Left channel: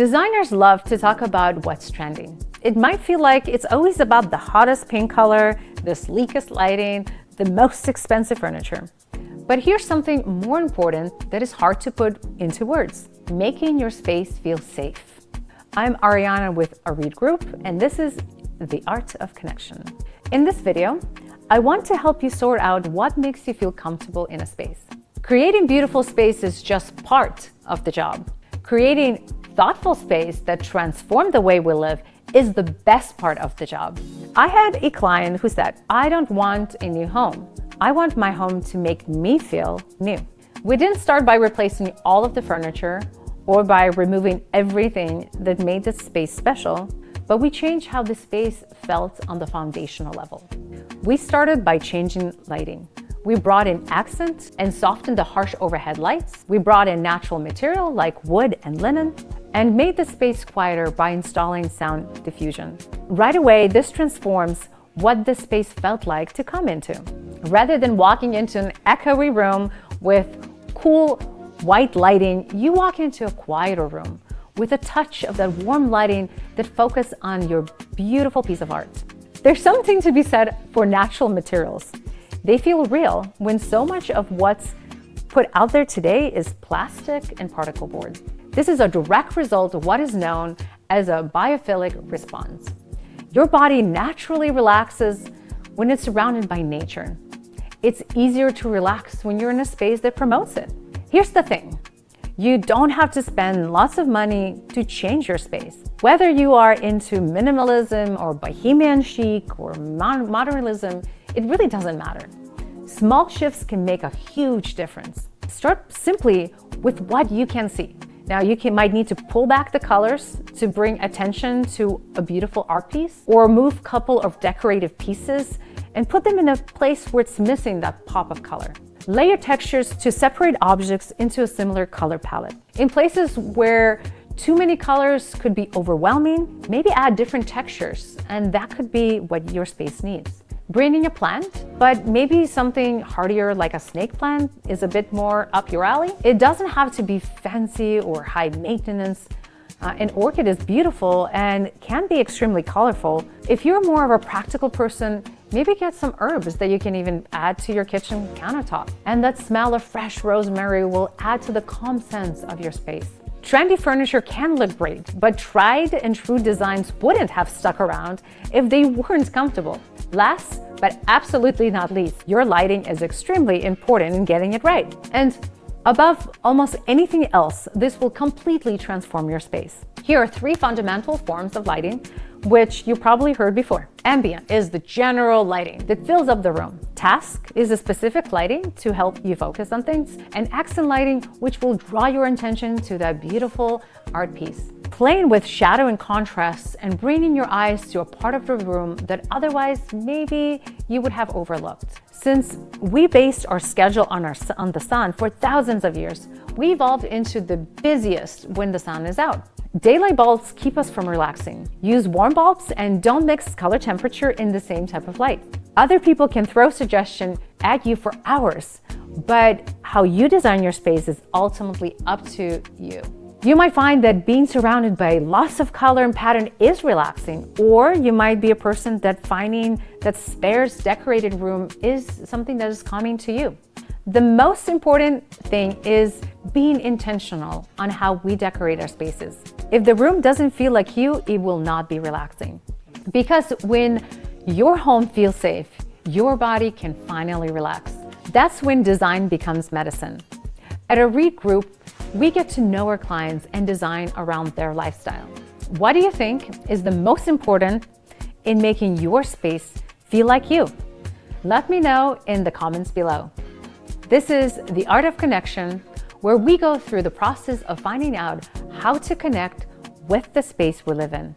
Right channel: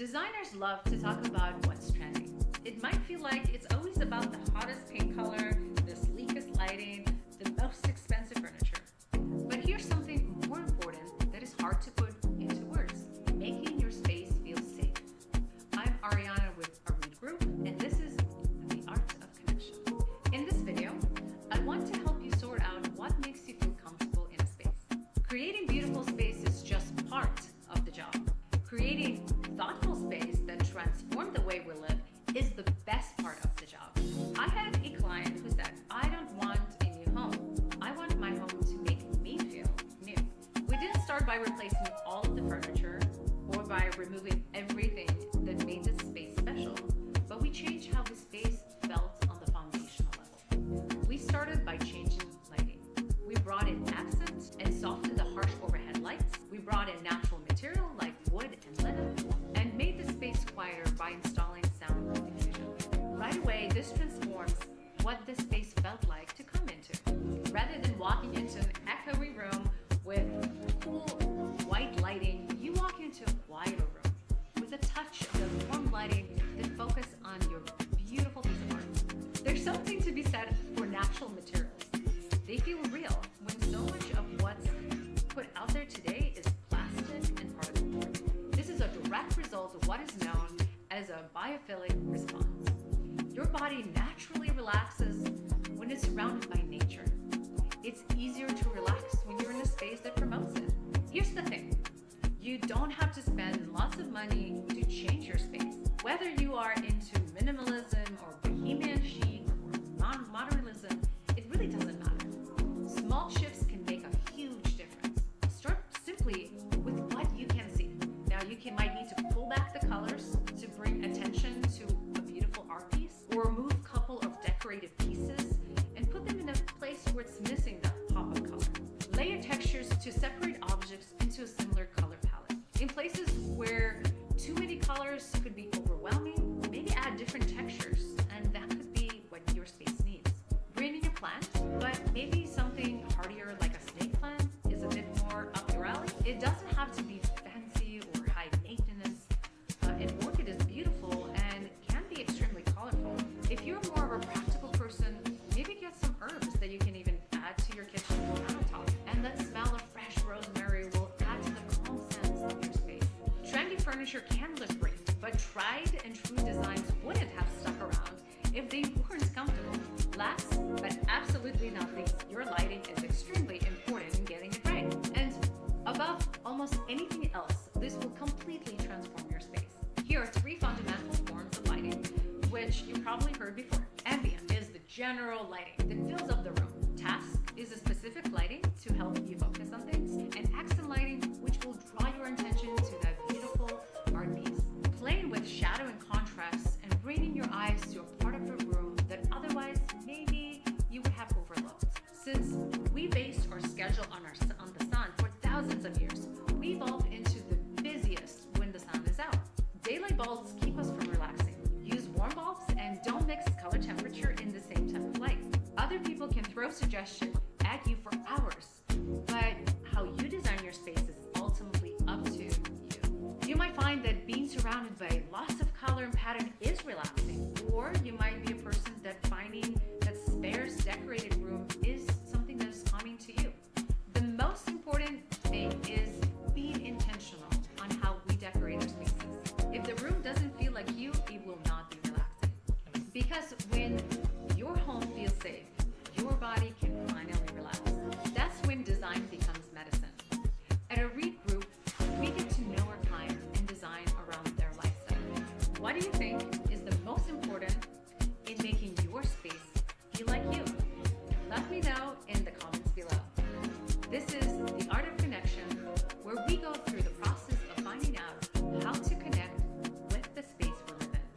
Designers love to talk about what's trending. It might feel like it's always about the hottest pink color, the sleekest lighting, the most expensive furniture. But here's something more important that is hard to put into words: making your space feel safe. I'm Ariana with ARIID Group, and this is the art of connection. In this video, I want to help you sort out what makes you feel comfortable in a space. Creating beautiful space is just part of the job. Creating thoughtful space that transforms the way we live is the best part of the job. I had a client who said, "I don't want a new home. I want my home to make me feel new." We didn't start by replacing all of the furniture or by removing everything that made the space special, but we changed how the space felt on the foundational level. We started by changing lighting. We brought in accent and softened the harsh overhead lights. We brought in natural material like wood and linen and made the space quieter by installing sound diffusion. Right away, this transforms what the space felt like to come into. Rather than walking into an echoey room with cool white lighting, you walk into a quieter room with a touch of that warm lighting that focuses on your beautiful piece of art. There's something to be said for natural materials. They feel real when so much of what's put out there today is plastic and particle board. This is a direct result of what is known as a biophilic response. Your body naturally relaxes when it's surrounded by nature. It's easier to relax when you're in a space that promotes it. Here's the thing. You don't have to spend lots of money to change your space. Whether you are into minimalism or bohemian chic or modernism, it really doesn't matter. Small shifts can make a huge difference. Start simply with what you can see. Now, you might need to pull back the colors to bring attention to a beautiful art piece, or move a couple of decorative pieces and put them in a place where it's missing that pop of color. Layer textures to separate objects into a similar color palette. In places where too many colors could be overwhelming, maybe add different textures, and that could be what your space needs. Bring in a plant, but maybe something hardier like a snake plant is a bit more up your alley. It doesn't have to be fancy or high maintenance. An orchid is beautiful and can be extremely colorful. If you're more of a practical person, maybe get some herbs that you can even add to your kitchen countertop. And that smell of fresh rosemary will add to the calm sense of your space. Trendy furniture can look great, but tried and true designs wouldn't have stuck around if they weren't comfortable. Last, but absolutely not least, your lighting is extremely important in getting it right. And above almost anything else, this will completely transform your space. Here are 3 fundamental forms of lighting, which you probably heard before. Ambient is the general lighting that fills up the room. Task is a specific lighting to help you focus on things. And accent lighting, which will draw your attention to that beautiful art piece. Playing with shadow and contrast and bringing your eyes to a part of the room that otherwise maybe you would have overlooked. Since we based our schedule on the sun for thousands of years, we evolved into the busiest when the sun is out. Daylight bulbs keep us from relaxing. Use warm bulbs and don't mix color temperature in the same type of light. Other people can throw suggestions at you for hours, but how you design your space is ultimately up to you. You might find that being surrounded by lots of color and pattern is relaxing, or you might be a person that finding that sparse decorated room is something that is calming to you. The most important thing is being intentional on how we decorate our spaces. If the room doesn't feel like you, it will not be relaxing. Because when your home feels safe, your body can finally relax. That's when design becomes medicine. At ARIID Group, we get to know our clients and design around their lifestyle. What do you think is the most important in making your space feel like you? Let me know in the comments below. This is the art of connection, where we go through the process of finding out how to connect with the space we live in.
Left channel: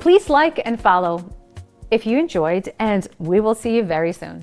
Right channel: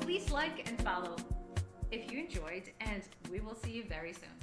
Please like and follow if you enjoyed, and we will see you very soon.